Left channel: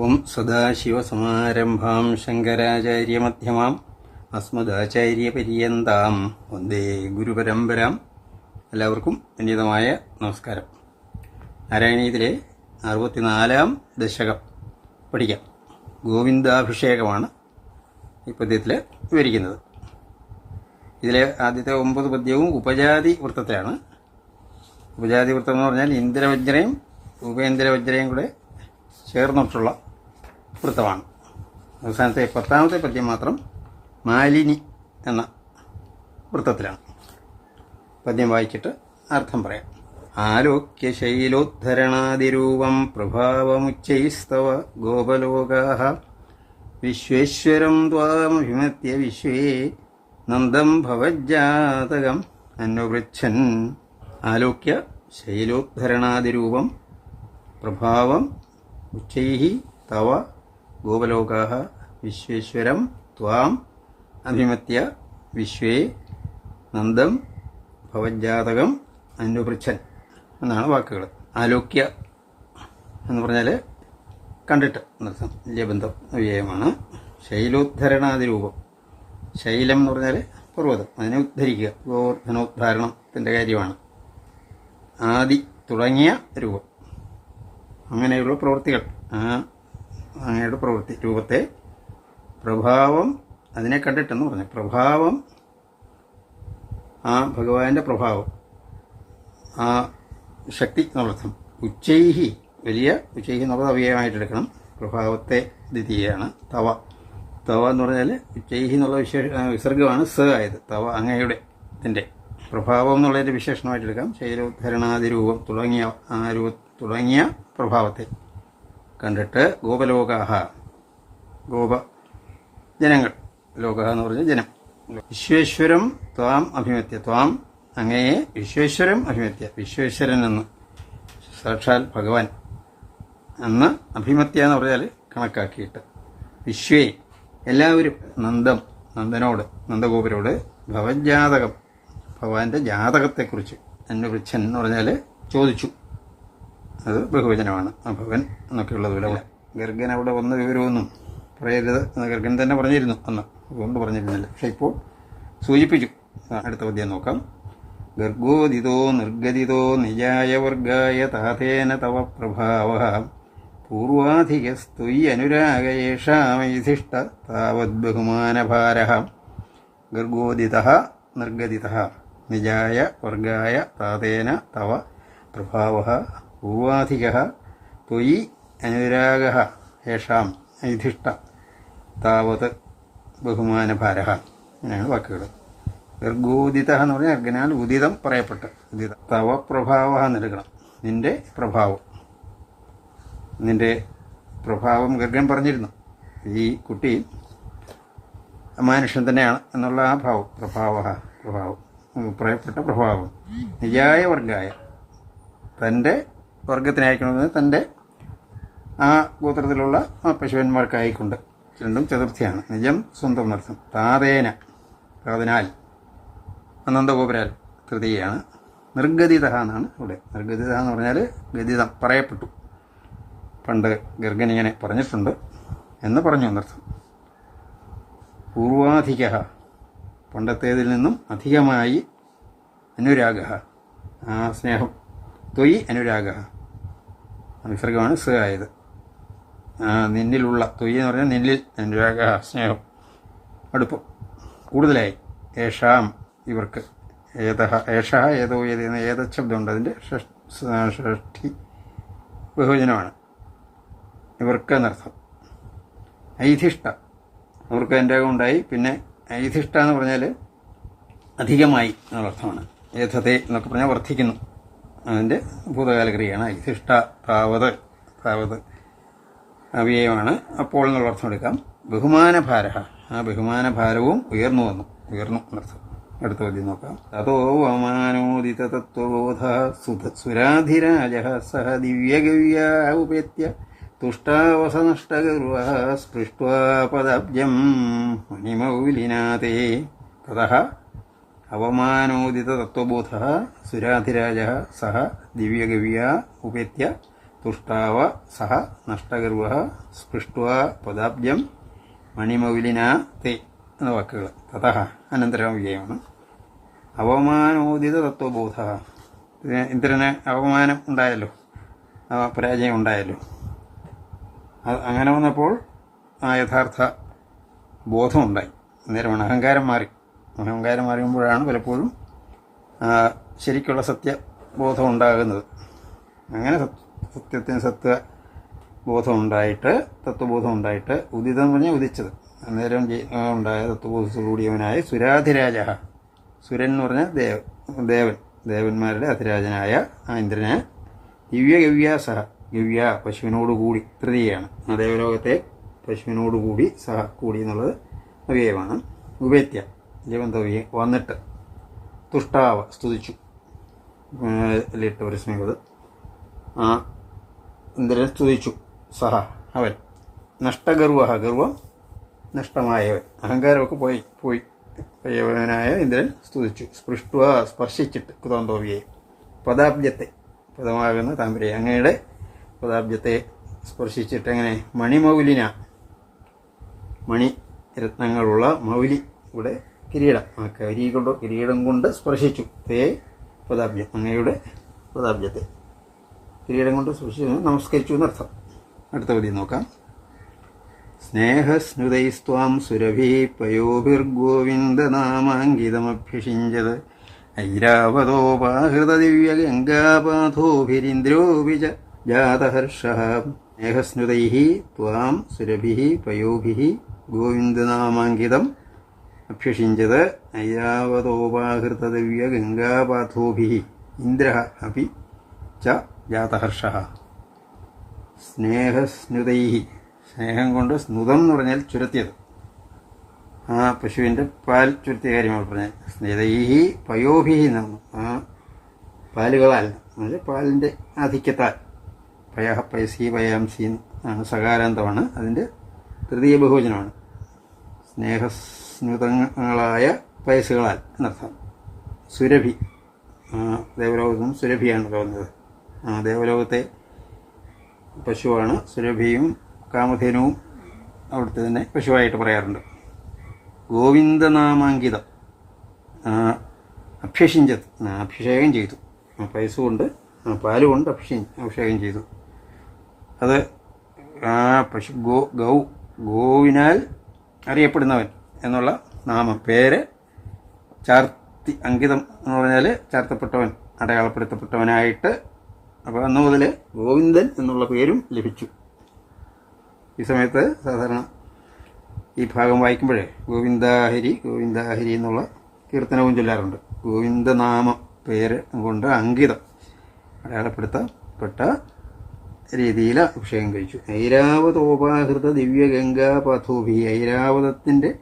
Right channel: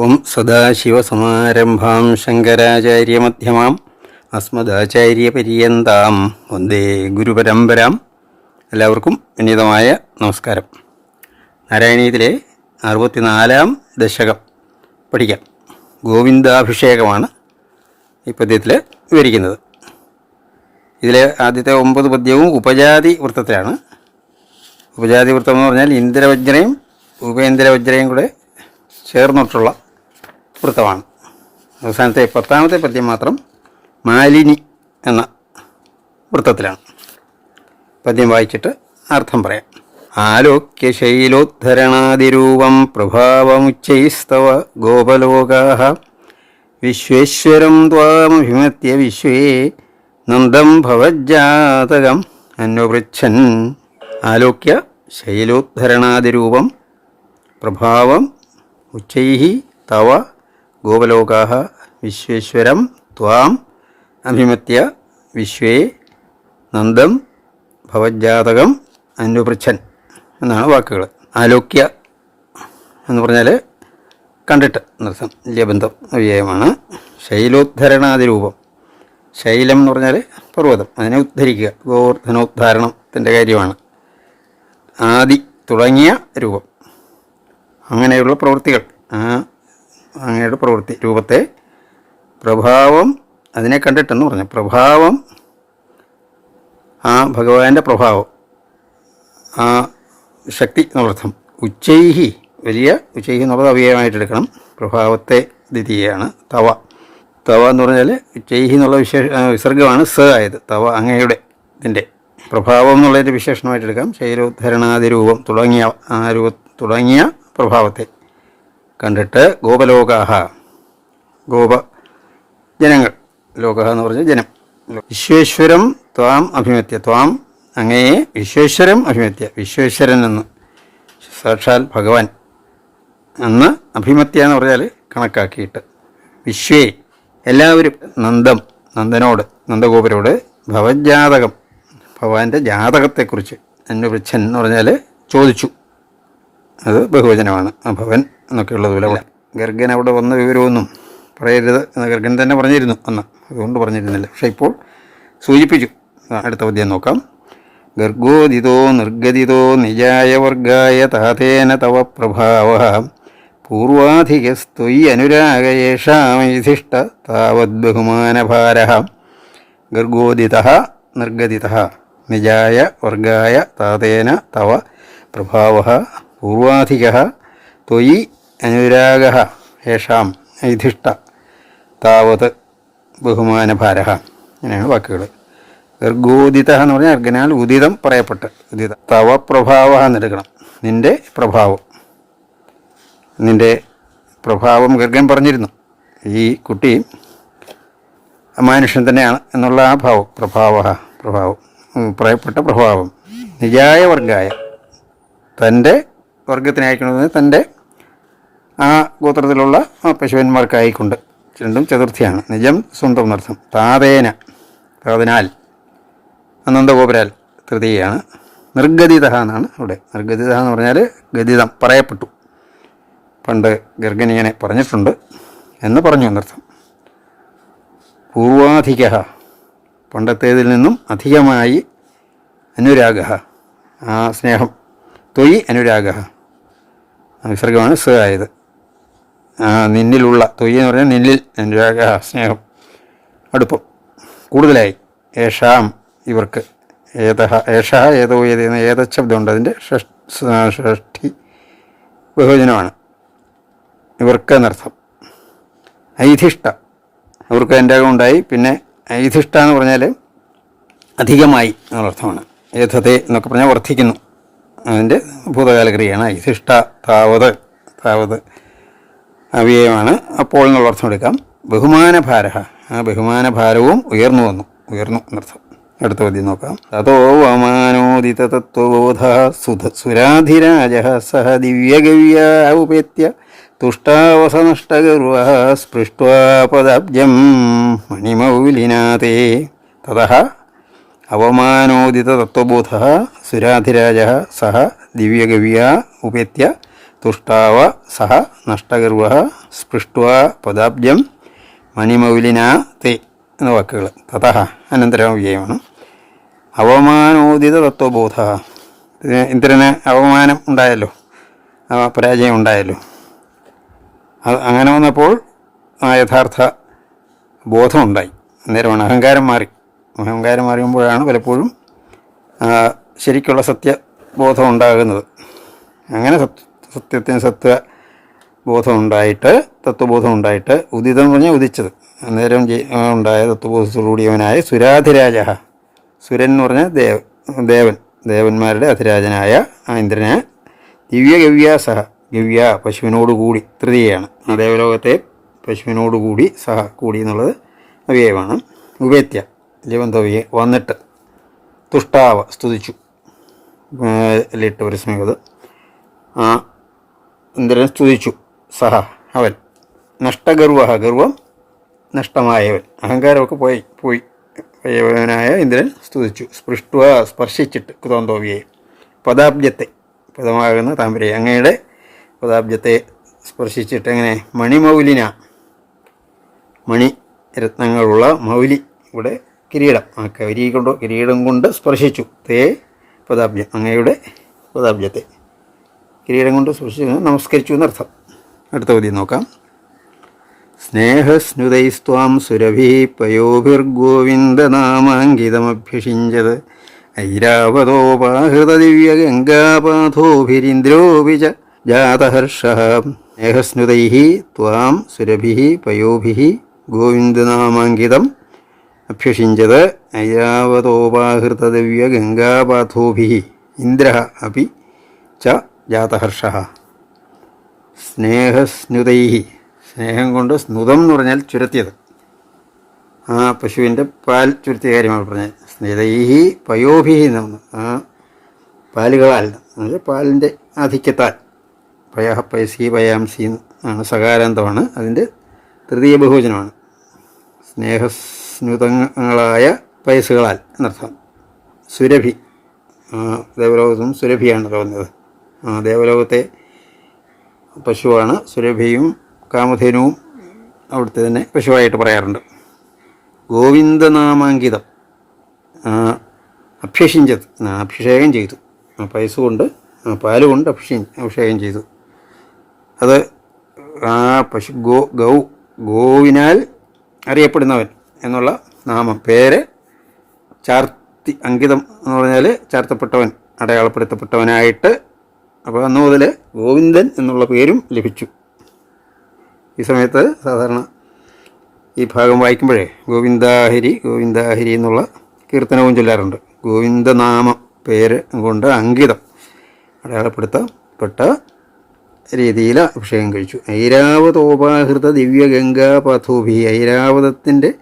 ഓം സദാശിവസമാരംഭാം ശങ്കരാചാര്യമധ്യമാം അസ്മദാചാര്യപര്യന്താം വന്ദേ ഗുരുപരമ്പരാം. എല്ലാവർക്കും വിനീതമായ നമസ്കാരം. നാരായണീയത്തിലെ അറുപത്തിനാലാം ദശകം പഠിക്കാം. ഗോവിന്ദാഭിഷേകമാണ് ഈ പദ്യത്തിൽ വിവരിക്കുന്നത്. ഇതിലെ ആദ്യത്തെ ഒമ്പത് പദ്യവും ഉപജാതി വൃത്തത്തിലാണ്. ഉപജാതി വൃത്തം എന്ന് പറഞ്ഞാൽ ഇന്ദ്രവജ്രയും ഉപേന്ദ്രവജ്രയും കൂടെ ചേർന്നിട്ടുള്ള വൃത്തമാണ് അവസാനത്തെ പത്താമത്തെ പദ്യം മാത്രം മാലിനി എന്ന വൃത്തത്തിലാണ്. പദ്യം വായിച്ചിട്ട് അർത്ഥം പറയാം. ആലോക്യ ശൈലോദ്ധരണാതിരൂപം പ്രഭാവമുച്ചൈസ്തവ ഗോപലോകാഹ. വിശ്വേശ്വരം ത്വാമഭിമത്യ വിശ്വേ നന്ദം ഭവജ്ജാതകം. അന്വപൃച്ഛൻ ആലോക്യ ശൈലോദ്ധരണാതിരൂപം പ്രഭാവം ഉച്ചൈ തവ ഗോപലോകാ വിശ്വേശ്വരം ത്വാം അഭിമത്യ വിശ്വേ നന്ദം ഭവജാതകം അനുപൃച്ഛൻ എന്നാണ് വാക്കുകൾ. ആലോക്യ എന്ന് പറഞ്ഞാൽ കണ്ടിട്ട് നൃത്തം ലബന്ധം വ്യയമാണ് ശൈലോദ്ധരണാതിരൂപം. ശൈലം എന്ന് പറഞ്ഞാൽ പർവതം. അതിനെ ഉദ്ധരിക്കുക. ഗോവർദ്ധനോദ്ധാരണത്തിന്റെ കാര്യമാണ്. ആദി തുടങ്ങിയ രൂപം. അങ്ങനെയുള്ള പ്രവൃത്തികൾ. ആ അങ്ങയുടെ പ്രവൃത്തി. രൂപത്തെ പ്രഭാവം അതിനെ കണ്ടിട്ടെന്ന് പറഞ്ഞു. പ്രഭാവം ആ ഭഗവാന്റെ പ്രഭാവം ആ ശക്തി എന്നർത്ഥം. ഉച്ചൈഹി വലിയ ഉച്ചൈഹി എന്നുള്ളത് അവയവമായിട്ടെടുക്കണം. പ്രഭാവത്തെ ദ്വിതീയാണ് തവ. തവ എന്ന് പറഞ്ഞാൽ ഉച്ചൈഹി എന്നുള്ള വിശേഷ വിസർഗമാണ് സ ആയത്. തവ അങ്ങയുടെ ഇതിന്റെ പ്രഭാവം എന്നുള്ളതിന്റെ വിശേഷണമായിട്ടെടുക്കാം. ശൈലോദ്ധരണാതിരൂപം തുടങ്ങിയ ആ രൂപ തുടങ്ങിയ പ്രഭാവത്തെ. കണ്ടിട്ട് ഗോപലോകാഹ. ഗോപ ജനങ്ങൾ. ലോക എന്ന് പറഞ്ഞ ജനം. വിശ്വേശ്വരം ത്വാം അഭിമത്യ. ത്വാം അങ്ങയെ വിശ്വേശ്വരം അഭിമത്യ. വിശ്വേശ്വരൻ എന്ന്. സാക്ഷാൽ ഭഗവാൻ. എന്ന് അഭിമത്യ എന്ന് പറഞ്ഞാൽ കണക്കാക്കിയിട്ട്. വിശ്വേ. എല്ലാവരും. നന്ദം. നന്ദനോട്. നന്ദഗോപുരോട്. ഭവജാതകം. ഭഗവാന്റെ ജാതകത്തെക്കുറിച്ച്. അന്വപൃച്ഛൻ എന്ന് പറഞ്ഞാൽ ചോദിച്ചു. അത് ബഹുവചനമാണ്. ആ ഭവൻ എന്നൊക്കെയുള്ളത് പോലെ. ഗർഗൻ അവിടെ വന്ന വിവരമൊന്നും പറയരുത് എന്ന് ഗർഗൻ തന്നെ പറഞ്ഞിരുന്നു അന്ന്. അതുകൊണ്ട് പറഞ്ഞിരുന്നില്ല. പക്ഷേ ഇപ്പോൾ സൂചിപ്പിച്ചു. അടുത്ത പദ്യം നോക്കാം. ഗർഗോദിതോ നിർഗതിതോ നിജായ വർഗായ താതേന തവ പ്രഭാവ. പൂർവാധികസ്ത്വയി അനുരാഗയേഷാമിധിഷ്ട താവത് ബഹുമാനഭാര. ഗർഗോദിത നിർഗതിത നിജായ വർഗായ താതേന തവ പ്രഭാവ. പൂർവാധിക ത്വയി അനുരാഗ യേഷാം ഐധിഷ്ട താവത് ബഹുമാനഭാര അങ്ങനെയാണ് വാക്കുകൾ ഗർഗോദിത എന്ന് പറഞ്ഞാൽ അർഗനാൽ ഉദിതം പറയപ്പെട്ട്. ഉദിത. തവ പ്രഭാവ എന്നെടുക്കണം നിന്റെ പ്രഭാവം. നിന്റെ പ്രഭാവം ഗർഗൻ പറഞ്ഞിരുന്നു. ഈ കുട്ടി മനുഷ്യൻ തന്നെയാണ് എന്നുള്ള ആ ഭാവം. പ്രഭാവ പ്രഭാവം. പ്രയപ്പെട്ട പ്രഭാവം. നിജായ വർഗായ തന്റെ വർഗത്തിനയക്കുന്നത് തന്റെ ആ ഗോത്രത്തിലുള്ള ആ പശുവന്മാർക്കായിക്കൊണ്ട്. രണ്ടും ചതുർത്ഥിയാണ്. നിജം സ്വന്തം എന്നർത്ഥം. താതേന. അനന്ത അനന്തഗോപുരാൽ തൃതീയാണ് നിർഗതിത എന്നാണ് അവിടെ. നിർഗതിത എന്ന് പറഞ്ഞാൽ ഗതിതം പറയപ്പെട്ടു. പണ്ട് ഗർഗനിയനെ പറഞ്ഞിട്ടുണ്ട് എന്ന് പറഞ്ഞു എന്നർത്ഥം. പൂർവാധിക പണ്ടത്തേതിൽ നിന്നും അധികമായി അനുരാഗ ആ സ്നേഹം. തൊയ് അനുരാഗ വിസർഗമാണ് സ് ആയത് നിന്നിലുള്ള തൊയ് എന്ന് പറഞ്ഞാൽ നിന്നിൽ അനുരാഗ സ്നേഹം അടുപ്പം കൂടുതലായി. ഏഷാം ഇവർക്ക് ഏതഹ ഏഷ ഏതോ ഏത് ഏത ശബ്ദമുണ്ട് അതിന്റെ ഷഷ്ടി ബഹുജനമാണ്. ഇവർക്ക് എന്നർത്ഥം ഐധിഷ്ഠ. അവർക്ക് അനുരാഗം ഉണ്ടായി. പിന്നെ ഐധിഷ്ഠ എന്ന് പറഞ്ഞാൽ അധികമായി എന്നുള്ള അർത്ഥമാണ് ഏതത്തെ എന്നൊക്കെ പറഞ്ഞാൽ വർദ്ധിക്കുന്നു. അതിന്റെ ഭൂതകാലക്രിയയാണ്. ഐധിഷ്ട താവത് താവത് അവ്യയമാണ്. അപ്പോൾ എന്നുള്ള അർത്ഥം എടുക്കാം. ബഹുമാനഭാര ആ ബഹുമാനഭാരവും ഉയർന്നു വന്നു. ഉയർന്നു എന്നർത്ഥം. അടുത്ത പദ്യം നോക്കാം. തതോ വമാനോദിത തത്വബോധ സുധ സുരാധിരാജ സഹ ദിവ്യഗവ്യ ഉപേത്യ തുഷ്ടാവസനഷ്ടഗർവ സ്പൃഷ്ട്വാ മണിമൗലിനാഥേ. തതഃ അവമാനോദിത തത്വബോധ സുരാധിരാജ സഹ ദിവ്യഗവ്യ ഉപേത്യ തുഷ്ടാവ സഹ നഷ്ടഗർവ സ്പൃഷ്ടുവ പദാബ്ജം മണിമൗലിന തേ എന്ന വാക്കുകൾ. തഥ അനന്തരം വ്യയമാണ് അവമാനോദിത തത്വബോധ. ഇന്ദ്രന് അവമാനം ഉണ്ടായല്ലോ. പരാജയം ഉണ്ടായല്ലോ. അത് അങ്ങനെ വന്നപ്പോൾ ആ യഥാർത്ഥ ബോധമുണ്ടായി അന്നേരമാണ് അഹങ്കാരം മാറി. അഹങ്കാരം അറിയുമ്പോഴാണ് പലപ്പോഴും ശരിക്കുള്ള സത്യബോധം ഉണ്ടാകുന്നത് അങ്ങനെ സത്യ സത്യത്തിന് സത്യ ബോധം ഉണ്ടായിട്ട് തത്വബോധം ഉണ്ടായിട്ട് ഉദിതം എന്ന് പറഞ്ഞാൽ ഉദിച്ചത് അന്നേരം ഉണ്ടായ തത്വബോധത്തോടുകൂടിയവനായ സുരാധിരാജ സുരൻ എന്ന് പറഞ്ഞാൽ ദേവ ദേവൻ ദേവന്മാരുടെ അധിരാജനായ ആ ഇന്ദ്രനെ ദിവ്യ ഗവ്യാ സഹ ഗവ്യ പശുവിനോടുകൂടി തൃതീയാണ് ആ ദേവലോകത്തെ പശുവിനോടുകൂടി സഹ കൂടി എന്നുള്ളത് അവയവമാണ് ഉപേത്യ. ജവന്തവ്യെ വന്നിട്ട് തുഷ്ടാവ സ്തുതിച്ചു. ലിട്ട് പരിസ്മയത് ആ ഇന്ദ്രൻ സ്തുതിച്ചു. സഹ അവൻ. നഷ്ടഗർവ ഗർവം നഷ്ടമായവൻ. അഹങ്കാരമൊക്കെ പോയി പോയി. പോയവനായ ഇന്ദ്രൻ സ്തുതിച്ചു. സ്പൃഷ്ടുവ സ്പർശിച്ചിട്ട് കുതോന്തോവിയെ പദാബ്ജത്തെ പദമാകുന്ന താമ്പരയെ അങ്ങയുടെ പദാബ്ജത്തെ സ്പർശിച്ചിട്ട് എങ്ങനെ? മണിമൗലിന. മണി രത്നങ്ങളുള്ള മൗലി ഇവിടെ കിരീടം. ആ കരി കൊണ്ട് കിരീടം കൊണ്ട് സ്പർശിച്ചു. തേ പദാബ്ജം അങ്ങയുടെ പദാബ്ജത്തെ കിരീടം കൊണ്ട് സ്പർശിച്ചു നമസ്കരിച്ചു എന്നർത്ഥം. അടുത്ത പതി നോക്കാം. സ്നേഹസ്നുതൈസ്ത്വാം സുരഭി പയോഭിർഗോവിന്ദനാമാങ്കിതമഭ്യഷിഞ്ചത് ഐരാവതോപാഹൃതദിവ്യഗംഗാപാഥോഭിരിന്ദ്രോപി ച ജാതഹർഷ. സ്നേഹസ്നുതൈ ത്വാം സുരഭി പയോഭി ഗോവിന്ദനാമാങ്കിതം അഭ്യഷിഞ്ചത് ഐരാവതോപാഹൃതദിവ്യഗംഗാപാഥോഭി ഇന്ദ്ര അപ്പി ച ജാതഹർഷ. സ്നേഹസ്നുതൈ. സ്നേഹം കൊണ്ട് സ്നുതം എന്ന് പറഞ്ഞാൽ ചുരത്തിയത്. ആ പശുവിന്റെ പാൽ ചുരുത്തിയ കാര്യമാണ് പറഞ്ഞത്. സ്നേഹൈഹി പയോഭിഹി എന്നാണ് ആ പാലുകളാൽ എന്നുവെച്ചാൽ പാലിന്റെ ആധിക്യത്താൽ. പയഹ പൈസി പയാംസി ആണ് സകാരാന്തമാണ്. അതിന്റെ തൃതീയ ബഹുവചനമാണ്. സ്നേഹസ്നുതങ്ങളായ പൈസകളാൽ എന്നർത്ഥം. സുരഭി. ദേവലോകത്തും സുരഭിയാണ് തോന്നുന്നത് ദേവലോകത്തെ പശുവാണ് സുരഭിയും കാമധേനുവും അവിടുത്തെ തന്നെ പശുവായിട്ട് പറയാറുണ്ട്. ഗോവിന്ദനാമാങ്കിതം. അഭ്യഷിഞ്ചത് അഭിഷേകം ചെയ്തു. പൈസ കൊണ്ട് പാലുകൊണ്ട് പാൽ കൊണ്ട് അഭിഷേ അഭിഷേകം ചെയ്തു. അത് ആ പശു ഗോ ഗൗ ഗോവിനാൽ അറിയപ്പെടുന്നവൻ. എന്നുള്ള നാമം. പേര് ചാർത്തി അങ്കിതം എന്ന് പറഞ്ഞാൽ ചാർത്തപ്പെട്ടവൻ അടയാളപ്പെടുത്തപ്പെട്ടവനായിട്ട്. അപ്പോൾ അന്ന് മുതൽ ഗോവിന്ദൻ എന്നുള്ള പേരും ലഭിച്ചു. ഈ സമയത്ത് സാധാരണ ഈ ഭാഗം വായിക്കുമ്പോഴേ ഗോവിന്ദാഹരി ഗോവിന്ദാഹരി എന്നുള്ള കീർത്തനവും ചൊല്ലാറുണ്ട്. ഗോവിന്ദനാമം പേര് കൊണ്ട് അങ്കിതം അടയാളപ്പെടുത്തപ്പെട്ട രീതിയിൽ അഭിഷേകം കഴിച്ചു. ഐരാവതോപാഹൃത ദിവ്യഗംഗാപഥോഭി ഐരാവതത്തിന്റെ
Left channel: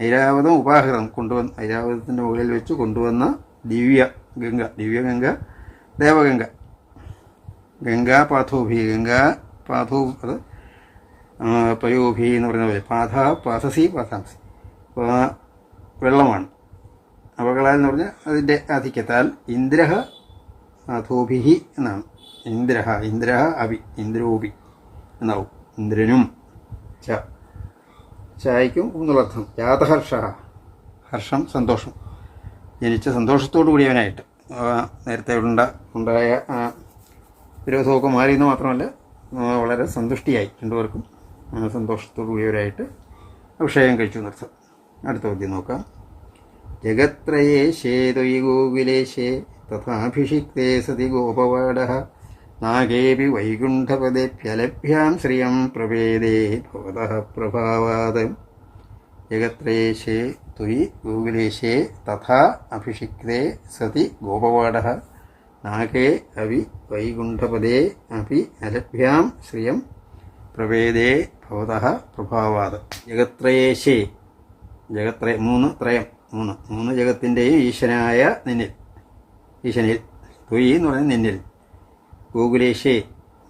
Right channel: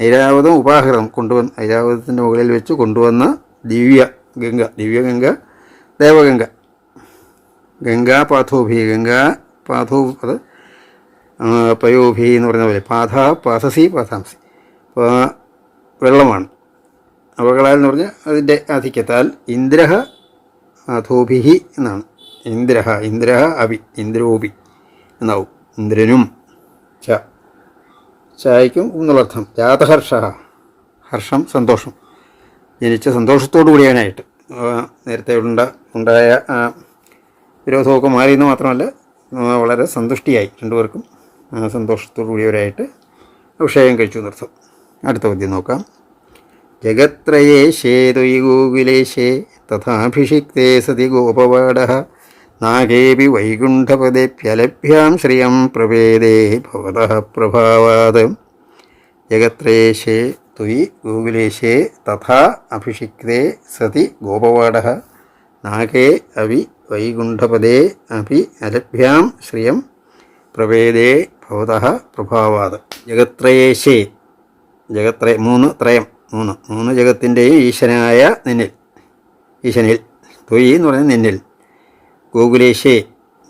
ഐരാവതം ഉപാഹൃതം കൊണ്ടുവന്ന് ഐരാവതത്തിന്റെ മുകളിൽ വെച്ച് കൊണ്ടുവന്ന ദിവ്യ ഗംഗ ദിവ്യ ഗംഗ ദേവഗംഗ. ഗംഗാ പാഥോഭി ഗംഗാ പാഥോ അത് പയോഭി എന്ന് പറഞ്ഞ പോലെ പാഥ പാസസി പാഥാംസി അപ്പോൾ വെള്ളമാണ്. അവകളാൽ എന്ന് പറഞ്ഞാൽ അതിന്റെ ആധിക്യത്താൽ ഇന്ദ്രഹ അധോഭിഹി എന്നാണ്. ഇന്ദ്രഹ ഇന്ദ്രഹ അഭി ഇന്ദ്രോഭി എന്നാവും. ഇന്ദ്രനും ച. ചായക്കും എന്നുള്ളർത്ഥം. ജാതഹർഷ. ഹർഷം സന്തോഷം. ജനിച്ച സന്തോഷത്തോടു കൂടിയാനായിട്ട്. നേരത്തെ ഉണ്ട ഉണ്ടായ വിരോധമൊക്കെ മാറിയെന്ന് മാത്രമല്ല വളരെ സന്തുഷ്ടിയായി രണ്ടുപേർക്കും സന്തോഷത്തോടു കൂടിയവരായിട്ട് അഭിഷേകം കഴിച്ചു എന്നർത്ഥം അടുത്ത പദ്യം നോക്കാം. ശേതുയി ഗോകുലേശേ തഥാഭിഷിക്തേ സതി ഗോപവാട നാഗേപി വൈകുണ്ഠപദേപ്യലഭ്യാം ശ്രിയം പ്രവേദേ ഭവതഃ പ്രഭാവാത്. ജഗത്രേശേ ത്വയി ഗോകുലേശേ തഥാ അഭിഷിക്തേ സതി ഗോപവാട. നാഗേ അവി വൈകുണ്ഠപദേ അപി അലഭ്യാം ശ്രിയം പ്രവേദേ ഭവതഃ പ്രഭാവാത്. ജഗത്രയേശേ ജഗത്രേ മൂന്ന് ത്രയം മൂന്ന് മൂന്ന് ജഗത്തിന്റെയും ഈശനായ നിന്നിൽ ഈശനിൽ തൊയ് എന്ന് പറയുന്നത് നിന്നിൽ. ഗോകുലേശേ.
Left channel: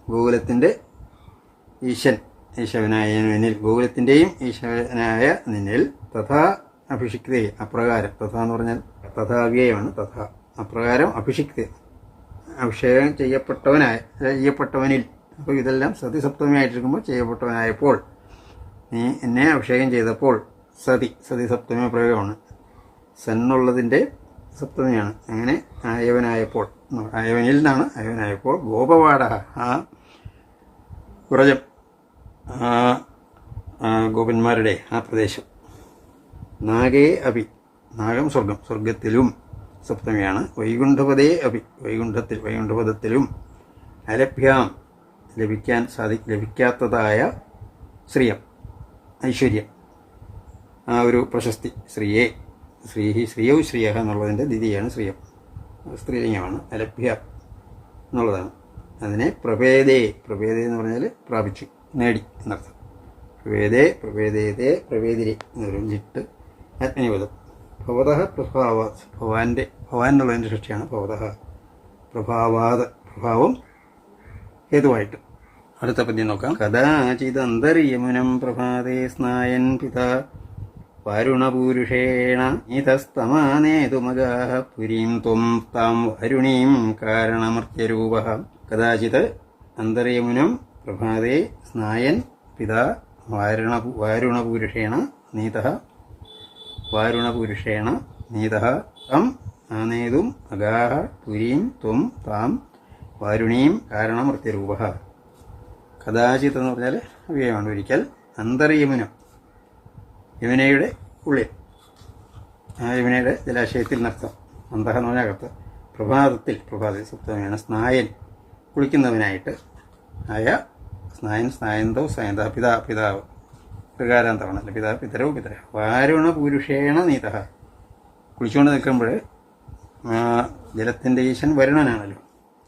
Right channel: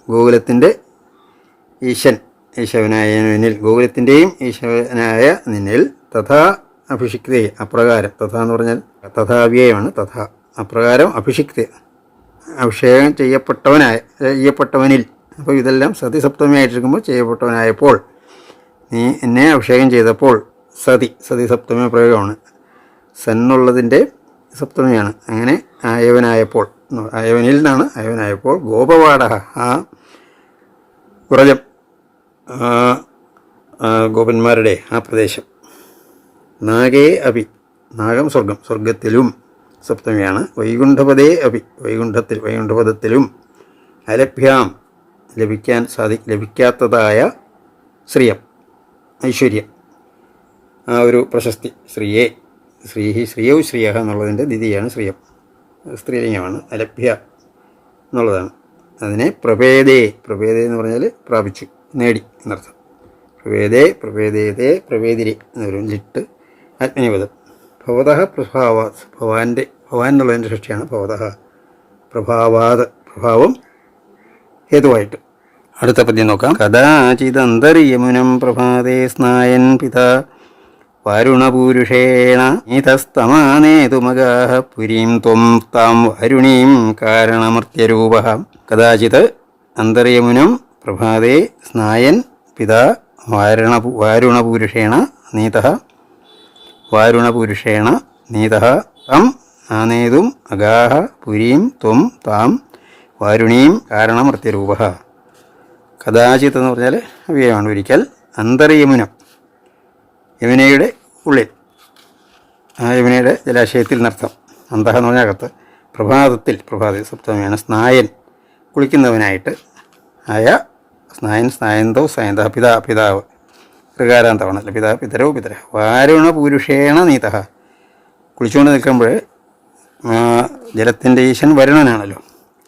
ഗോകുലത്തിന്റെ ഈശൻ ഈശവനായ നിന്നിൽ. ഗോകുലത്തിന്റെയും ഈശവനായ നിന്നിൽ തഥാ അഭിഷിക്തേ അപ്രകാരം. തഥാ എന്ന് പറഞ്ഞാൽ തഥാവ്യയമാണ്. തഥാ അപ്രകാരം അഭിഷിക്ത. അഭിഷേകം ചെയ്യപ്പെട്ടവനായ ചെയ്യപ്പെട്ടവനിൽ. അപ്പോൾ ഇതെല്ലാം സതി സപ്തമിയായിട്ടിരിക്കുമ്പോൾ ചെയ്യപ്പെട്ടവനായപ്പോൾ നീ എന്നെ അഭിഷേകം ചെയ്തപ്പോൾ സതി സതി സപ്തമി പ്രയോഗമാണ് സന്നുള്ളതിന്റെ സപ്തമിയാണ്. അങ്ങനെ ആയവനായപ്പോൾ. ആയവനിൽ നിന്നാണ് അയവനായപ്പോൾ ഗോപവാട ആ വ്രജം ഗോപന്മാരുടെ ആ പ്രദേശം. നാഗേ അഭി നാഗം സ്വർഗം സ്വർഗത്തിലും സപ്തമിയാണ്. വൈകുണ്ഠപദേ അഭി വൈകുണ്ഠത്തിൽ വൈകുണ്ഠപദത്തിലും അലഭ്യാം ലഭിക്കാൻ സാധി ലഭിക്കാത്തതായ ശ്രീയം ഐശ്വര്യം. ആ ഒരു പ്രശസ്തി ശ്രീയെ ശ്രീഹി ശ്രീയൗ ശ്രീയ എന്നുള്ളതിന്റെ ദിതിയാണ് ശ്രീയം. സ്ത്രീലിംഗമാണ് അലഭ്യ എന്നുള്ളതാണ്. അതിനെ പ്രഭേദേ പ്രഭേദേ എന്ന് പറഞ്ഞാൽ പ്രാപിച്ചു നേടി എന്നർത്ഥം. പ്രഭേദേ പ്രഭേദേതേ പ്രഭേദിരി എന്നൊരു ലിട്ട് ആത്മനിപദം ഭവതഃ പ്രഭാവാത് ഭവാന്റെ ഭവാൻ എന്നുള്ളതിന്റെ സൃഷ്ടിയാണ് ഭവതഃ പ്രഭാവാത് പ്രഭാവം ഹേതുവായിട്ട്. അടുത്ത പദ്യം നോക്കാം. കഥാചിതന്തരിയമുനം പ്രഭാതേ സ്നായൻ പിതാ വാരുണപൂരുഷേണ ഇതസ്തമാനേതുമകാഹ പുരീം ത്വം താം വരുണീം കാരണമർത്യരൂപ. കഥാചിത് അന്തർയമുനം പ്രഭാതേ സ്നായൻ പിതാ വാരണ വാരുണപുരുഷേണ നീത. വാരുണപുരുഷേണ നീത. തം ആനേതും അഗാഹ പുരീം ത്വം താം വാരുണീം കാരണമർത്യരൂപ. കഥാചിത്ത് എന്ന് പറഞ്ഞാൽ അവയാണ് ഒരിക്കൽ അന്തർയമുനം യമുനയുടെ ഉള്ളിൽ. ആ യമുനയുടെ ജലാശയത്തിൽ നർത്തം അന്തഹ എന്ന് പറഞ്ഞകത്ത് പ്രഭാതത്തിൽ പ്രഭാത സപ്തമിയാണ് സ്നായൻ കുളിക്കുന്നവനായിട്ട് ആയ സ്നായൻ സ്നായന്തോ സ്നായന്ത പിതാ പിതാവ്. ഋകാരാന്തമാണല്ലോ പിതാ പിതരോ പിതര വാരുണ പുരുഷേണ നീത കുളിച്ചുകൊണ്ട് നിൽക്കുമ്പോൾ ജലത്തിന്റെ ഈശൻ വരുണനാണല്ലോ.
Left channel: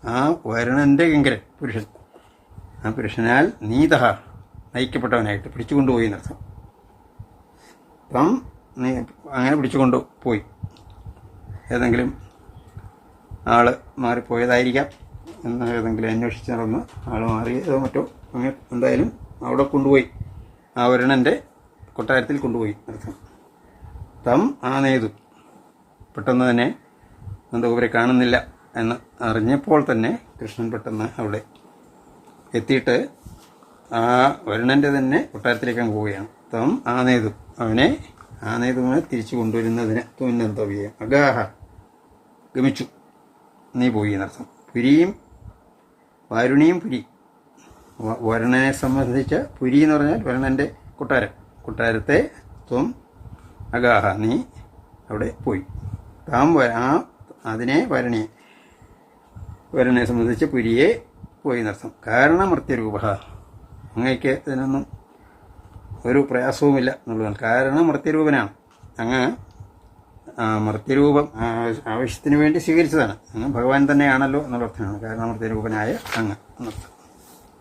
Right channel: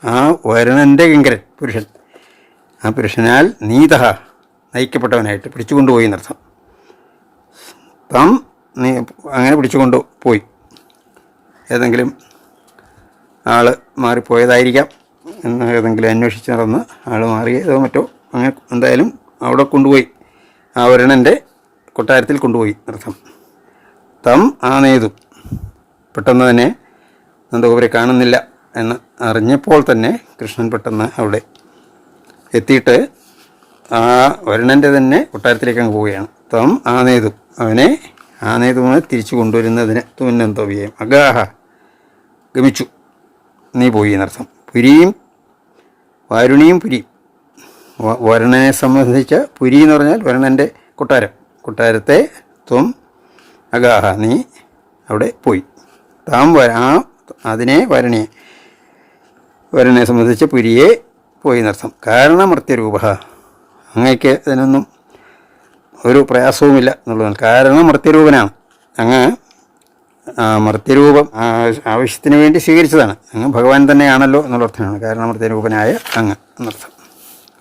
ആ വരുണന്റെ കിങ്കരൻ പുരുഷൻ. ആ പുരുഷനാൽ നീതഹ നയിക്കപ്പെട്ടവനായിട്ട് പിടിച്ചുകൊണ്ടുപോയി എന്നർത്ഥം. താം നീ അങ്ങനെ പിടിച്ചുകൊണ്ട് പോയി. ഏതെങ്കിലും ആൾ മാറിപ്പോയതായിരിക്കാം എന്ന് ഏതെങ്കിലും അന്വേഷിച്ച് നടന്ന് ആൾ മാറിയതോ മറ്റോ അങ്ങനെ എന്തായാലും അവിടെ കൊണ്ടുപോയി. ആ വരുണന്റെ കൊട്ടാരത്തിൽ കൊണ്ടുപോയി അർത്ഥം തം ആ നെയ്തു. പെട്ടെന്ന് തന്നെ നന്ദഗോപുരെ കാണുന്നില്ല എന്ന് അറിഞ്ഞപ്പോൾ തന്നെ കൃഷ്ണൻ പെട്ടെന്ന് അവിടെ എത്തിയിട്ട് ആ വരുണന്റെ തന്നെ കൊട്ടാരത്തിലേക്ക് അങ്ങ് പോവുകയാണ്. തം ആനേതു. നേതു അവനെ ആനേതുവിനെ നേതുവിനെ തിരിച്ചു കൊണ്ടുവരുന്നതിന് തുന്നന്തോവിയെയും അഗാഹ. ഗമിച്ചു. നീ പോയി എന്നർത്ഥം. പുരിയും വാരുണിയും പുരി. വരുണനെ സംബന്ധിച്ച പുരി എന്ന് പറഞ്ഞാൽ വരുണന്റെ കൊട്ടാരം. കൊട്ടാരത്തെ ത്വം അഗാഹ. നീ അവിടെ പോയി. താം വര ആ അതിനെ വരുണിയെ വരുണനെ സംബന്ധിച്ച് പുരിയെ പോയി എന്നർത്ഥം. കാരണമർത്യരൂപ. അങ്ങയ്ക്ക് ഇതിനൊന്നും ഒരു പ്രയാസവുമില്ല എന്നുള്ളതാണ്. കാരണം മർത്യരൂപനാണ്. അങ്ങ് മർത്യരൂപം ആവശ്യത്തിന് വേണ്ടി സ്വീകരിച്ചതാണ്. അങ്ങ് ഭഗവാൻ തന്നെയാണല്ലോ എന്നുള്ള അർത്ഥമാണ്. കാരണം മർത്യരൂപനായ അങ്ങ് എന്നർത്ഥം.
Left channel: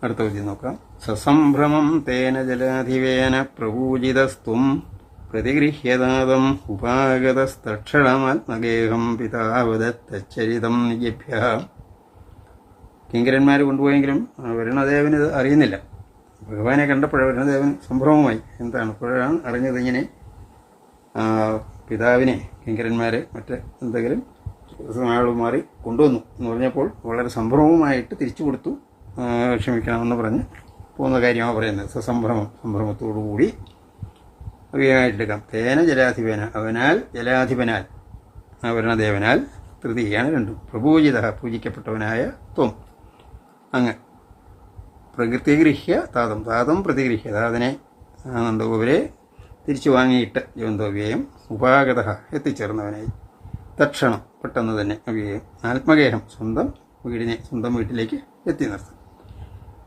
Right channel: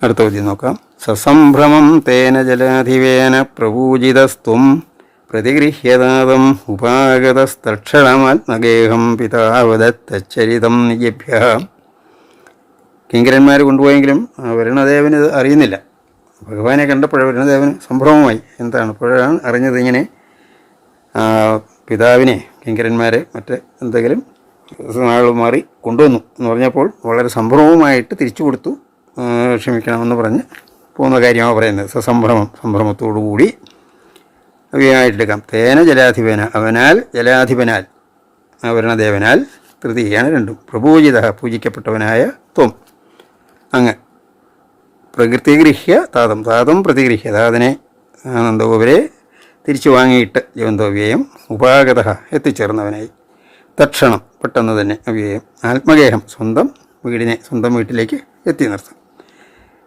അടുത്ത ചോദ്യം നോക്കാം. സസംഭ്രമം തേന ജലാധിവേന പ്രപൂജിതസ്ത്വം പ്രതിഗൃഹ്യതാതം ഉപാഗതസ്തക്ഷണമാത്മഗേഹം പിതാവദത്തച്ചരിതം നിജഭ്യ കിങ്കരന്മാർ കൊണ്ടുപോയെങ്കിലും വരുണദേവന് അറിയുന്നില്ല. ഭഗവാനെ കണ്ടപ്പോൾ വരുണദേവന് സംഭ്രമമായി എന്താണ്? അപ്പോഴാണ് അറിഞ്ഞത് ഇങ്ങനെ പിതാവിനെ കിങ്കരന്മാരെ മറ്റ് എന്തെങ്കിലും ആൾ മാറി കൊണ്ടുവന്നു എന്ന് പറഞ്ഞപ്പോൾ വളരെ സംഭ്രമവുമായിട്ട് തിരിച്ചു കൊടുത്തു. ക്ഷമിക്കണമെന്ന് പറഞ്ഞ് പോകുന്ന കാര്യമാണ് പറയുന്നത്. സസംഭ്രമം സംഭ്രമത്തോടു കൂടി അവയായിട്ടെടുക്കാം. തേന ജലാധിപന അവനാൽ ജലാധിപനാൽ അവരണദേവനാൽ വരുണദേവനാൽ തൃതീയാണ് രണ്ടും. പ്രപൂജിത പൂജിക്കപ്പെട്ടവനായ ത്വം. അങ്ങ് പ്രകൃതിഗൃഹ്യ താതം താതം പ്രതിഗൃഹ്യ താതനെ നന്ദഗോപരെ തിരിച്ചു വാങ്ങിയിട്ട് ജീവന്തോവ്യയം ഉപാഗത എത്തിച്ചേർന്നവനായി. തക്ഷണം പെട്ടെന്ന് തന്നെ അവ്യയം ആത്മഗേഹം സ്വന്തം വീടിനെ സ്വന്തം വീട്ടിലേക്ക് എത്തി നിർത്തും.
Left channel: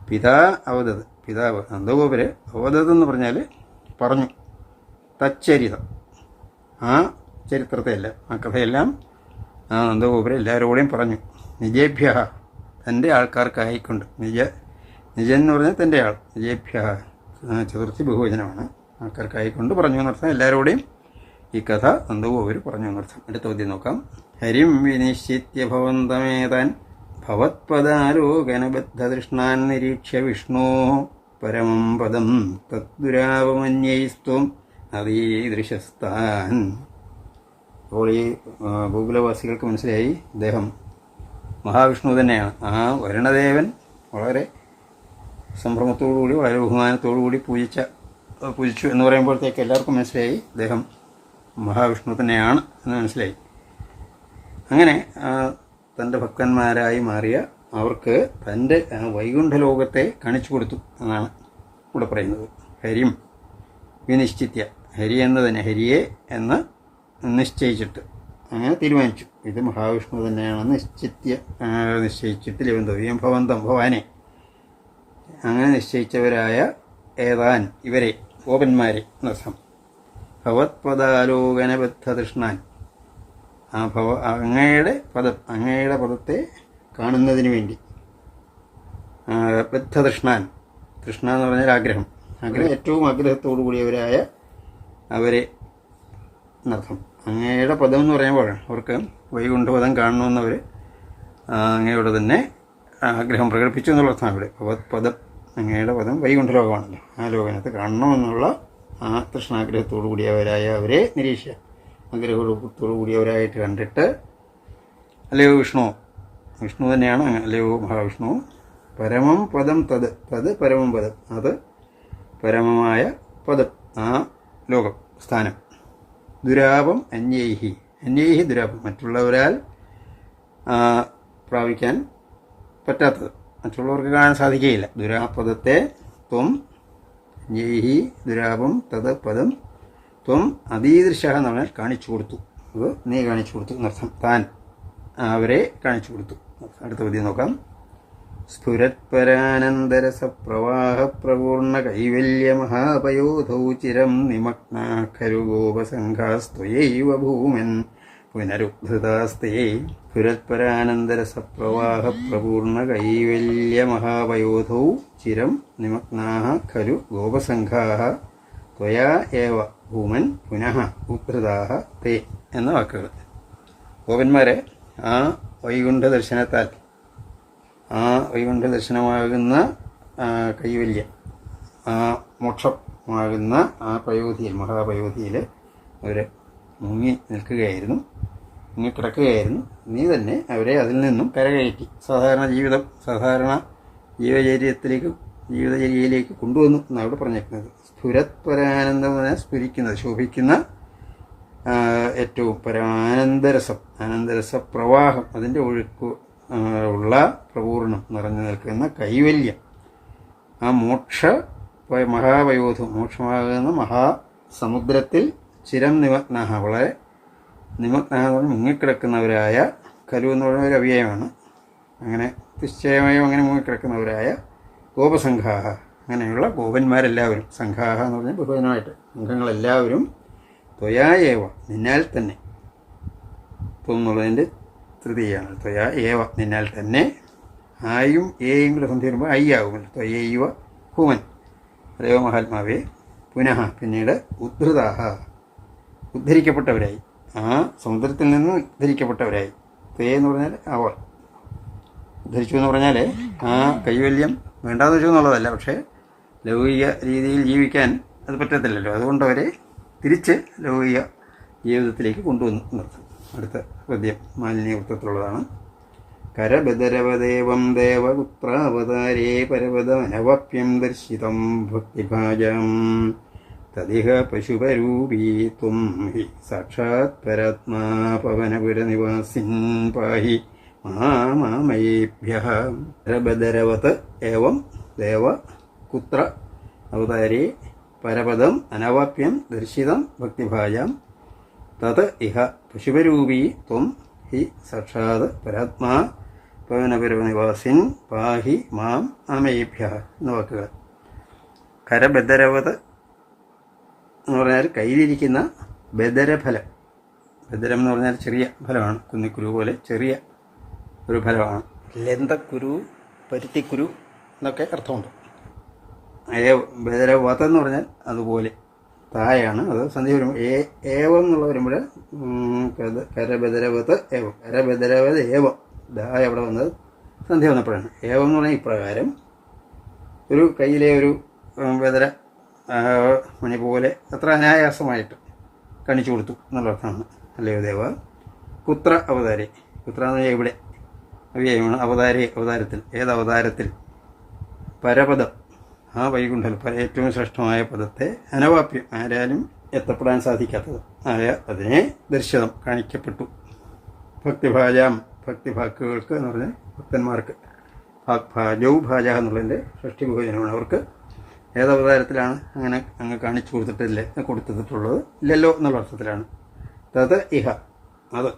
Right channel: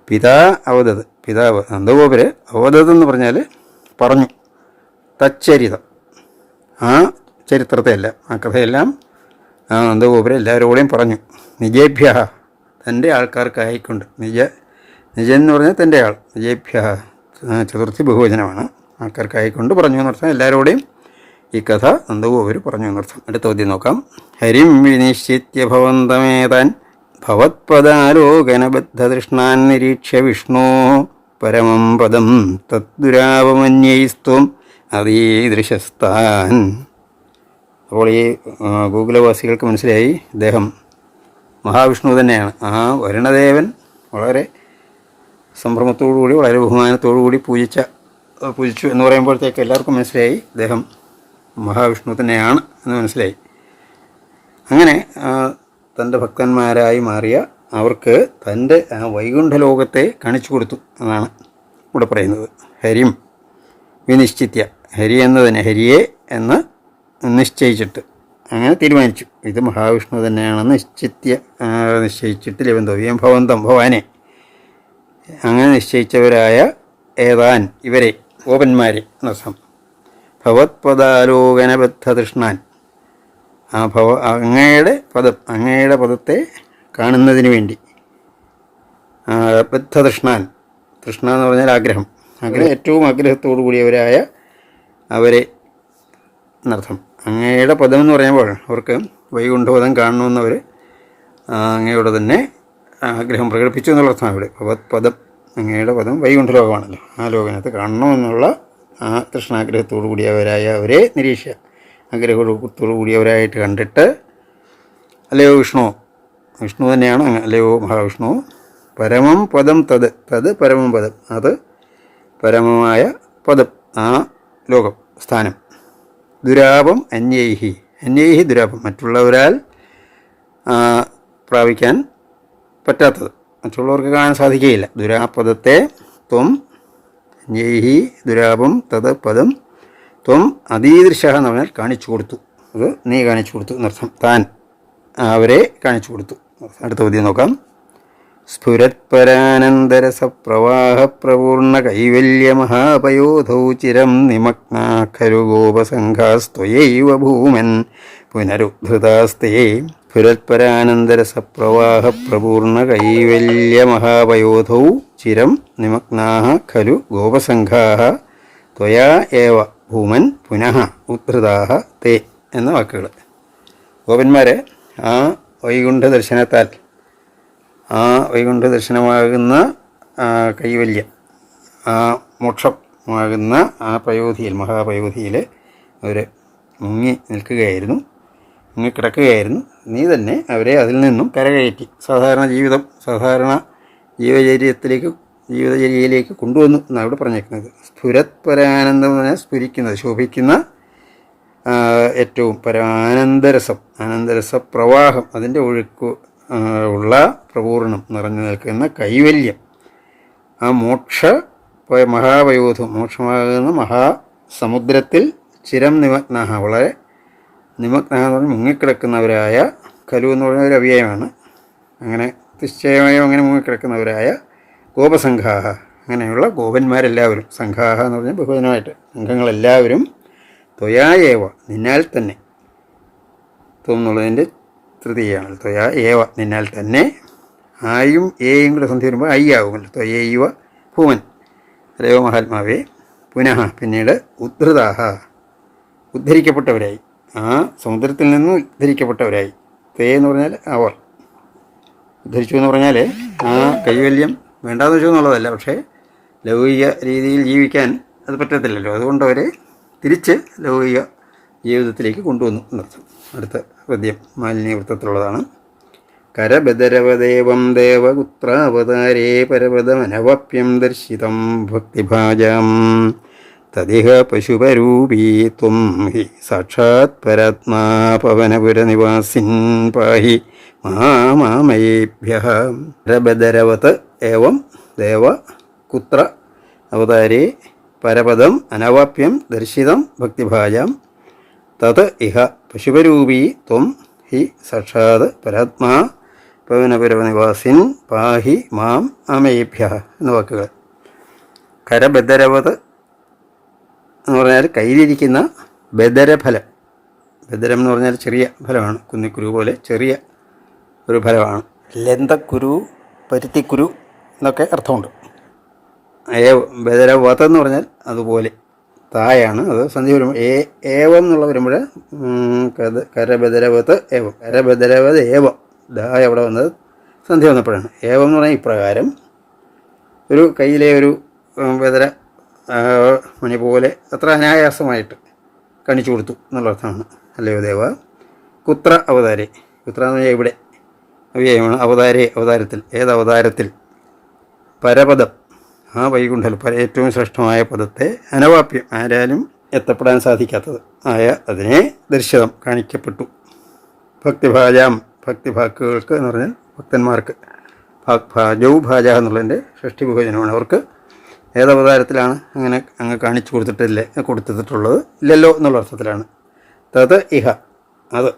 പിതാ അവതത് പിതാവ് നന്ദഗോപര് അവതത് എന്ന് പറഞ്ഞാൽ പറഞ്ഞു. തച്ചരിതം. ആ ചരിത്രത്തെയെല്ലാം ആ കഥയെല്ലാം നന്ദഗോപുരം എല്ലാവരോടെയും പറഞ്ഞു. നിജേഭ്യ തന്റെ ആൾക്കാർക്കായിക്കൊണ്ട് നിജ നിജൻ എന്ന് പറഞ്ഞാൽ തന്റെ ആൾ. നിജേഭ്യ ചതുർത്ഥി ബഹുവചനമാണ്. ആൾക്കാർക്കായിക്കൊണ്ട് പറഞ്ഞു എന്നർത്ഥം എല്ലാവരോടെയും ഈ കഥ നന്ദഗോപുര് പറഞ്ഞു എന്നർത്ഥം അടുത്ത ചോദ്യം നോക്കാം. ഹരിം വിനിശ്ചിത്യ ഭവന്തമേതാൻ ഭവത്പദാലോകനബദ്ധതൃഷ്ണാൻ നിരീക്ഷ്യ വിഷ്ണു പരമം പദം തദ്ദുരാപമന്യൈസ്ത്വം അതീദൃശസ്താൻ അപ്പോൾ ഈ ഗൂഗുലവാസികൾക്ക് മനസ്സിലായി അദ്ദേഹം മഹാവിഷ്ണു തന്നെയാണ്. ആ വരുണദേവൻ വളരെ സംഭ്രമത്തോടുകൂടി വളരെ ബഹുമാനത്തോടുകൂടി പൂജിച്ച പൂജിച്ചു എന്ന് പറയുമ്പോഴത്തേക്ക് എല്ലാവർക്കും മനസ്സിലായി. അദ്ദേഹം മഹാവിഷ്ണു തന്നെയാണ് എന്ന് മനസ്സിലായി. അങ്ങനെ തന്റെ ഭക്തന്മാരായി മാറിയ അവർക്ക് തന്റെ ആ വൈകുണ്ഠ ലോകത്തെ കാണിച്ചു കൊടുത്തു എന്നാണ് ഇവിടെ പറയുന്നത്. ഹരിം വിനിശ്ചിത്യ. ഹരി എന്നതിനെ ഹരിയെ എന്ന് നിശ്ചയിച്ചിട്ട് അങ്ങനെ തീരുമാനിച്ചു. ഇത് മഹാവിഷ്ണു തന്നെയാണെന്ന് നിശ്ചിത്യ നിശ്ചയിച്ചിട്ട് ലഭ്യം ഭവന്തം ഭവാനെ. അങ്ങനെ നിശ്ചയിച്ചവരായ ഏതാൻ ഇവരെ ഓപന്മാരെ എന്നർത്ഥം ഭവത്പദാലോകനബദ്ധ തൃഷ്ണാൻ ആ ഭവ അങ്ങയുടെ പദം അങ്ങയുടെ പദത്തെ കാണുന്നതിന് വേണ്ടി. ബദ്ധതൃഷ്ണാൻ. ബദ്ധ തൃഷ്ണാൻ തൃഷ്ണ എന്ന് പറഞ്ഞാൽ ആഗ്രഹം. ആഗ്രഹം ഏറ്റവും ആഗ്രഹത്തോടു കൂടിയവരായ അവരെ എന്നർത്ഥം. അങ്ങയുടെ പദം എന്ന് പറയുമ്പോൾ അവർക്ക് വൈകുണ്ഠപദം കാണണമെന്നവർ അങ്ങയോട് തന്നെ ആഗ്രഹം പ്രകടിപ്പിച്ചു എന്നുള്ള അർത്ഥമാണ് ഇവിടെ. പദം അങ്ങയുടെ പദം വൈകുണ്ഠ ലോകമാണല്ലോ ആ ലോകനകത്ത് കാണണമെന്നുള്ള ആ കൃഷ്ണാഗ്രഹത്തോടു കൂടിയവരായ അവരെ നിരീക്ഷ ആഗ്രഹത്തോടു കൂടിയവരായിട്ട് കണ്ടിട്ട് അല്ലയോ വിഷ്ണു? വിഷ്ണു തന്നെയാണ് അല്ലയോ മഹാവിഷ്ണു? പരമം പദം തത് തത് പരമം പദം അത് പരമമായ പദം ആ ലോകം സ്ഥാനം. ദുരാപം അന്യൈഹി അന്യൈഹി ദുരാപം. മറ്റുള്ളവരാൽ പ്രാപിക്കാൻ പറ്റാത്തത്. മറ്റുള്ളവർക്ക് കാണാൻ സാധിക്കുകയില്ല. ദുരാപദത്തെ ത്വം ജേഹി ദുരാപം തത് പദം ത്വം അതീദൃശ എന്ന് പറഞ്ഞാൽ കാണിച്ചു കൊടുത്തു. അത് നീ കാണിച്ചു കൊടുത്തു എന്നർത്ഥം. താൻ അവരെ കാണിച്ചു കൊടുത്തു. അടുത്ത പദ്യം നോക്കാം. സ്ഫുരത്പരാനന്ദരസപ്രവാഹപ്രപൂർണ കൈവല്യമഹാപയോധൗ ചിരം നിമഗ്നാ ഖലു ഗോപസംഘാസ്ത്വയൈവ ഭൂമൻ പുനരുദ്ധൃതാസ്തേ സ്ഫുരത്പരാനന്ദരസപ്രവാഹപ്രപൂർണ കൈവല്യമഹാപയോധൗ ചിരം നിമഗ്നാ ഖലു ഗോപസംഘാ ത്വയാ ഏവ ഭൂമൻ പുനഃ ഉദ്ധൃതാഹ തേ എന്ന വാക്കുകൾ ഗോപന്മാരെ ആ വൈകുണ്ഠ ദർശനത്താൽ ആ വൈകുണ്ഠ ദർശനമാകുന്ന കൈവല്യം ആ മോക്ഷമാകുന്ന ആ പയോധിയിൽ മഹാപയോധിയിൽ അവർ മുങ്ങി നിൽക്കുകയായിരുന്നു. മുങ്ങിക്കിടക്കുകയായിരുന്നു നീ തന്നെ അവരെ അതിൽ നിന്നും കരകയറ്റി. സാധാരണ ജീവിതം സാധാരണ ജീവചര്യത്തിലേക്ക് ജീവിതചര്യയിലേക്ക് കൊണ്ടുവന്നു എന്നാണ് ഇവിടെ പറഞ്ഞേക്കുന്നത്. സ്ഫുരത് പരാനന്ദം സ്ഫുരിക്കുന്നത് ശോഭിക്കുന്ന ഏറ്റവും പരാനന്ദരസം ആനന്ദരസ പ്രവാഹം അതിന്റെ ഒഴുക്ക് ഉള്ള പ്രപൂർണം നിറഞ്ഞു നിൽക്കുന്ന കൈവല്യം. ആ മോക്ഷ മഹാവയോധം മോക്ഷമാകുന്ന മഹാസമുദ്രത്തിൽ ചിരം നിമഗ്ന വളരെ നിമഗ്ന എന്ന് പറഞ്ഞാൽ മുങ്ങിക്കിടക്കുന്നവരായ കലു എന്ന് പറയുന്ന ഒരു അവ്യയമാണ്. അങ്ങനെ നിശ്ചയമായും അങ്ങനെ മുങ്ങിക്കിടക്കുന്നവരായ ഗോപസംഘാഹ. അങ്ങനെയുള്ള ഗോപന്മാരെല്ലാവരും സംഘാഹ എന്ന് പറഞ്ഞാൽ ബഹുജനമായിട്ട് സംഘങ്ങളെല്ലാവരും ത്വയാ ഏവ നിന്നാൽ തന്നെ. ത്വം എന്നുള്ളതിന്റെ തൃതീയാണ് ത്വയാ ഏവ നിന്നാൽ തന്നെ. ആയും ഏയും കൂടെ സന്ധി വരുമ്പോൾ ഐ ആകുമല്ലോ ത്വയൈവ ഭൂമൻ അല്ലയോ മഹാത്മാവേ. പുനഃ പിന്നീട് ഉദ്ധൃതാഹ. ഉദ്ധരിക്കപ്പെട്ടവരായി. ആ സമുദ്രത്തിൽ നിന്ന് ഉദ്ധരിക്കപ്പെട്ടവരായി തേ എന്ന് പറഞ്ഞാൽ അവർ. ഉദ്ധരിച്ചു എന്ന് പറഞ്ഞാൽ ആ കൈവല്യം വേണ്ടാന്ന് വെച്ചു എന്നുള്ളതല്ല പക്ഷേ ലൗകിക രീതിയിൽ ജീവിക്കാൻ അത് പറ്റത്തില്ലല്ലോ. അതുകൊണ്ട് അവരെ തിരിച്ച് ലൗകിക ജീവിതത്തിലേക്ക് കൊണ്ടുവന്നു എന്നർത്ഥം. അടുത്ത പദ്യം മാലിന്യവൃത്തത്തിലുള്ളതാണ്. കരബദരവദേവം ദേവപുത്രാവതാരേ പരപദമനവപ്യം ദർശിതം ഭക്തിഭാജം. തദിഹ പശുപരൂപീ ത്വം ഹി സാക്ഷാത് പരത്മാപവനപുരനിവാസിൻ പാഹി മാമേഭ്യ രബദരവത് ഏവം ദേവ കുത്ര അവതാരേ പരപദം അനവാപ്യം ദർശിതം ഭക്തിഭാജാം തത് ഇഹ പശുപരൂപീ ത്വം ഹി സാക്ഷാത് പരാത്മാ പവനപുരനിവാസിൻ പാഹി മാം അമേഭ്യ എന്ന വാക്കുകൾ. കരബദരവത് എന്ന് പറഞ്ഞാൽ കയ്യിലിരിക്കുന്ന ബദരഫലം. ബദരം എന്ന് പറഞ്ഞാൽ ചെറിയ ഫലമാണ്. കുന്നിക്കുരു പോലെ ചെറിയ ഒരു ഫലമാണ്. ലന്തക്കുരു പരുത്തിക്കുരു എന്നൊക്കെ അർത്ഥമുണ്ട്. ഏ ബദരവത എന്ന് പറഞ്ഞാൽ അതുപോലെ. തായാണ്. അത് സന്ധി വരുമ്പോൾ ഏ ഏവം എന്നുള്ള വരുമ്പോൾ കരബദരവത്ത് ഏവം. കരബദരവത് ഏവം. ദായ അവിടെ വന്നത് സന്ധി വന്നപ്പോഴാണ്. ഏവം എന്ന് പറഞ്ഞാൽ ഇപ്രകാരം ഒരു കയ്യിലെ ഒരു ബദര അത്ര അനായാസമായിട്ട് കാണിച്ചു കൊടുത്തു എന്നുള്ള അർത്ഥമാണ് അല്ലയോ ദേവ? കുത്ര അവതാരെ. കുത്ര എന്ന് പറഞ്ഞാൽ എവിടെ അവ്യയമാണ് അവതാരേ അവതാരത്തിൽ. ഏത് അവതാരത്തിൽ? പരപദം. ആ വൈകുണ്ഠൽ പര ഏറ്റവും ശ്രേഷ്ഠമായ പദത്തെ അനവാപ്യം. ആരാലും എത്തപ്പെടാൻ സാധിക്കാത്തത്. ആയ അതിനെ ദർശനം കാണിക്കപ്പെട്ടു. ഭക്തിഭാജാം. ഭക്തിഭാക്കുകൾക്ക് എന്ന് പറഞ്ഞാൽ ഭക്തന്മാർക്ക്. ഭാജവും ഭാജൗ എന്നുള്ളതിന്റെ ഷഷ്ടി ബഹുജനമാണ് അവർക്ക് ഏതവതാരത്തിലാണ് അങ്ങനെ അങ്ങ് കാണിച്ചു കൊടുത്തിട്ടില്ലേ കൊടുത്തിട്ടുള്ളത്. ഇല്ലല്ലോ എന്നുള്ള അർത്ഥത്തിലാണ്. തത് ഇഹ. അത്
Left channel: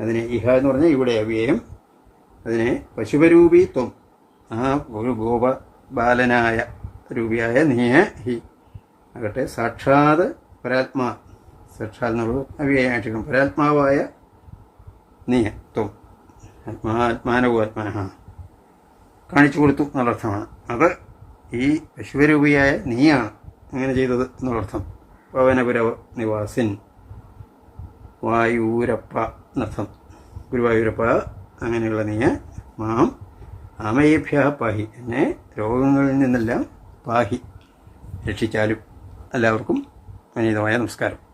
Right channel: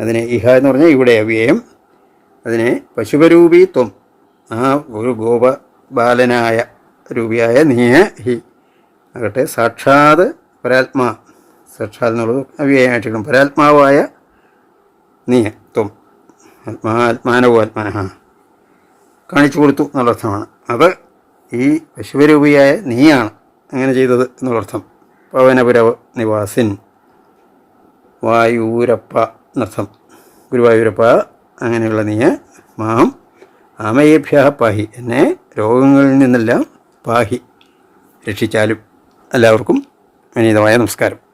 അതിനെ ഇഹ എന്ന് പറഞ്ഞാൽ ഇവിടെ അവ്യയം. അതിനെ പശുപരൂപി ത്വം ആ ഒരു ഗോപ ബാലനായ രൂപിയായ നീയെ ഹി. ആകട്ടെ സാക്ഷാത് പരാത്മാ. സാക്ഷാത് എന്നുള്ളത് അവ്യയമായിട്ട് പരാത്മാവായ നീ ത്വം ആത്മാ ആത്മാനവോ ആത്മാന കാണിച്ചു കൊടുത്തു എന്നുള്ള അർത്ഥമാണ് അത് ഈ വിശ്വരൂപിയായ നീയാണ് അങ്ങനെ ചെയ്തത് എന്നുള്ളർത്ഥം. പവനപുര നിവാസിൻ വായൂരപ്പ എന്നർത്ഥം. ഗുരുവായൂരപ്പ അങ്ങനെയുള്ള നീ മാം ആമയേഭ്യ പാഹി. എന്നെ രോഗങ്ങളിൽ നിന്നെല്ലാം പാഹി. രക്ഷിച്ചാലും എല്ലാവർക്കും വിനീതമായ നമസ്കാരം.